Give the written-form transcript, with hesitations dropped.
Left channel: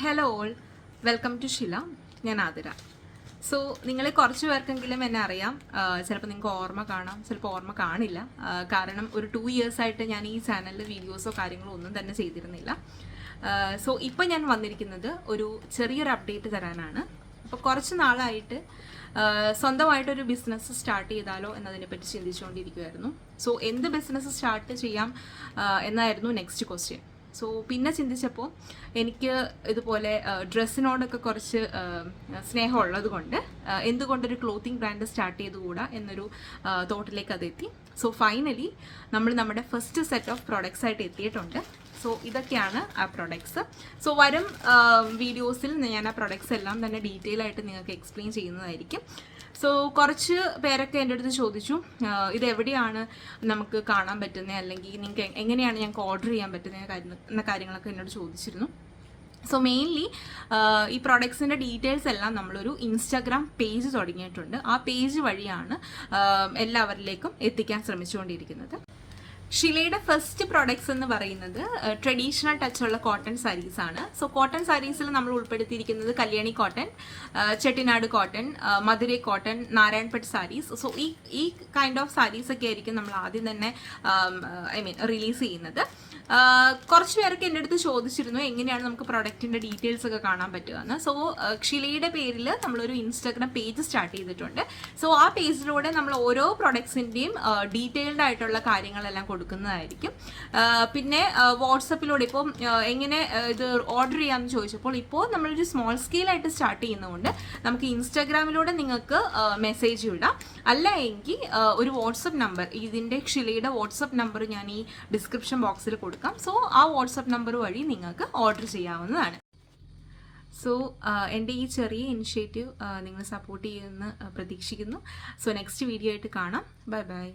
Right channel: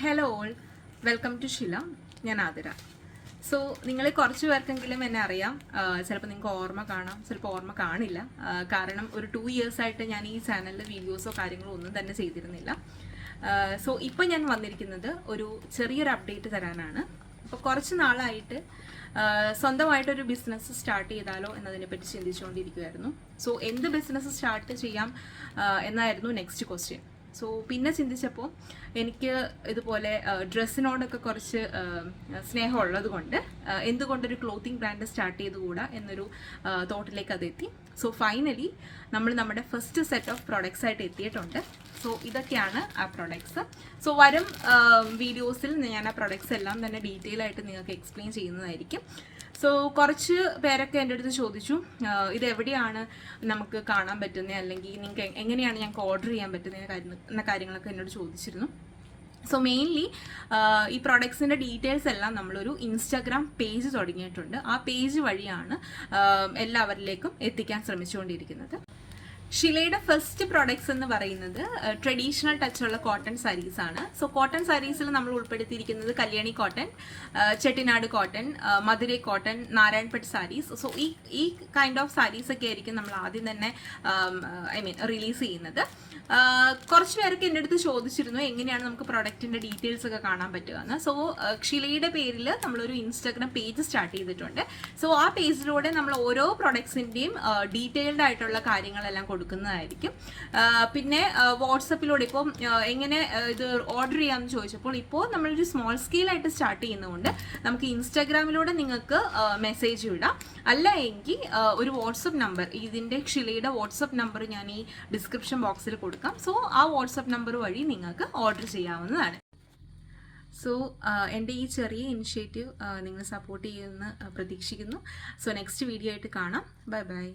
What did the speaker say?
Hello all, welcome to Shila. ഞാൻ Athira. So നിങ്ങൾ കുറച്ച് പേർക്കെങ്കിലും എന്നെ അറിയാം. ചിലപ്പോൾ നിങ്ങൾക്ക് ഓർമ്മ കാണാം, ചിലപ്പോൾ ഓർമ്മ കാണില്ല. കാരണം ഒരു 2 years ആയിട്ട് ഞാൻ ഈ ചാനലിൽ വീഡിയോസോ കാര്യങ്ങളോ ഒന്നും തന്നെ ചെയ്തിരുന്നില്ല. സോ ഇപ്പം ഞാൻ വന്നിരിക്കുന്നത് ഒരു ചെറിയൊരു അപ്ഡേറ്റ് തരാനാണ്. അപ്പോൾ കുറച്ച് നാളായിട്ട് സ്വന്തമായിട്ടൊരു ബിസിനസ് സ്റ്റാർട്ട് ചെയ്താലോ എന്നതിനെപ്പറ്റി ചിന്തിച്ചുകൊണ്ടിരിക്കുമായിരുന്നു. സോ എന്ത് ബിസിനസ് സ്റ്റാർട്ട് ചെയ്യാം എന്നായിരുന്നു നെക്സ്റ്റ് ക്വസ്റ്റ്യൻ. സോ പിന്നെ ചിന്തിച്ചപ്പോൾ എനിക്ക് ഇതുപോലെ ഡ്രസ്സിനോടൊക്കെ കുറച്ച് സ്നേഹമുള്ളത് കൊണ്ട് എന്തുകൊണ്ടൊരു ക്ലോത്തിങ് ബ്രാൻഡ് സ്റ്റാർട്ട് ചെയ്തുകൂടാ എന്നൊരു തോട്ടിലേക്ക് അതെത്തി. സോ ഫൈനലി നമ്മൾ നമ്മുടെ ഫസ്റ്റ് സെറ്റ് ഓഫ് പ്രോഡക്ട്സ് ആയിട്ട് എത്തിയിട്ടുണ്ട്. സോ ഇതൊക്കെയാണ് ആ പ്രൊഡക്ട്സ്. സോ വരും വീഡിയോസിൽ ഞാൻ ആ പ്രൊഡക്ട്സ് എല്ലാം തന്നെ ഡീറ്റെയിൽ ആയിട്ട് നിങ്ങൾക്ക് എക്സ്പ്ലെയിൻ ചെയ്യുന്നതായിരിക്കും. സോ കുറച്ച് പേരൊക്കെ എൻ്റെ അടുത്ത് ചോദിച്ചു ഇത് എവിടെയാണ് നമുക്ക് കാണാൻ പറ്റുന്നത്, അല്ലെങ്കിൽ നിങ്ങൾക്ക് എങ്ങനെയാണ് ഞങ്ങൾക്ക് ഓർഡർ ചെയ്യാൻ പറ്റുന്നത് എന്ന കാര്യങ്ങളൊക്കെ എന്നോട് ചോദിച്ചിരുന്നു. സോ മെയിൻലി ഈ പ്രൊഡക്ട്സിൻ്റെ ഡീറ്റെയിൽസ് എല്ലാം നമ്മളൊരു ഇൻസ്റ്റാഗ്രാം പേജ് തുടങ്ങിയിട്ടുണ്ട്. ആ പേജ് വഴിയാണ് എല്ലാവരിലേക്കും എത്തിക്കാൻ ശ്രമിച്ചുകൊണ്ടിരിക്കുന്നത്. ഷിലയുടെ ഫസ്റ്റ് പ്രോഡക്ട്സ് എന്ന് പറയുന്നത് ട്രഡീഷണൽ ടച്ചുള്ള കോട്ടൺ സാരീസ് ആണ്. സോ കോട്ടൺ സാരീസിൽ നമ്മൾ ഉൾപ്പെടുത്തിയിരിക്കുന്നത് Kalyani cotton, Chettinad cotton, Madurai cotton, Narayanpet saris. So ഈ കൈൻഡ് ഓഫ് സാരീസ് ഒക്കെ ആയിരിക്കും നമ്മൾ ആദ്യം തന്നെ റിലീസ് ചെയ്യുന്നത്. കുറച്ച് പേർക്ക് എൻ്റെ അടുത്ത് ചോദിച്ചിരുന്നു എങ്ങനെയാണ് നമുക്ക് പ്രൊഡക്റ്റിൻ്റെ ഡീറ്റെയിൽസ് ഒക്കെ കാണാൻ പറ്റുക എന്ന്. സോ ഷിലയുടെ പേരിൽ നമ്മളൊരു ഇൻസ്റ്റാഗ്രാം പേജ് സ്റ്റാർട്ട് ചെയ്തിട്ടുണ്ട്. സോ ആ പേജിലൂടെ നമ്മൾ ഓരോ പ്രൊഡക്ട്സിൻ്റെയും ഡീറ്റെയിൽഡ് ആയിട്ടുള്ള കാര്യങ്ങളെല്ലാം കൊടുക്കുന്നതായിരിക്കും. പിന്നെ വാട്സപ്പിലൂടെ ഇപ്പോൾ എങ്ങനെ ഇത് ഓർഡർ ചെയ്യാമെന്ന് ചോദിച്ചപ്പോൾ ഇപ്പോൾ നമ്മളൊരു സ്മോൾ സ്കെയിലായിട്ട് സ്റ്റാർട്ട് ചെയ്യുന്നതുകൊണ്ട് നമുക്ക് ഇൻസ്റ്റാഗ്രാമിലൂടെ നിങ്ങൾക്ക് മെസ്സേജ് വിടാം. അല്ല എങ്കിൽ ഒരു വാട്സപ്പ് നമ്പർ, ഇതിൻ്റെ ഷിലയുടെ വാട്സപ്പ് നമ്പർ ഞാൻ ഈ ഡിസ്ക്രിപ്ഷൻ ബോക്സിൽ കൊടുക്കാം. സോ ആ വാട്സപ്പ് നമ്പർ വഴി നിങ്ങൾക്ക് ഓർഡർ ചെയ്യാവുന്നതാണ്. സോ എൻ്റെ ഈ ചെറിയ ഇനിഷ്യേറ്റീവ് നിങ്ങൾ സപ്പോർട്ട് ചെയ്യുമെന്ന് പ്രതീക്ഷിക്കുന്നു. സോ നെക്സ്റ്റ് വീഡിയോ ആയിട്ട് കാണാം. Bye bye.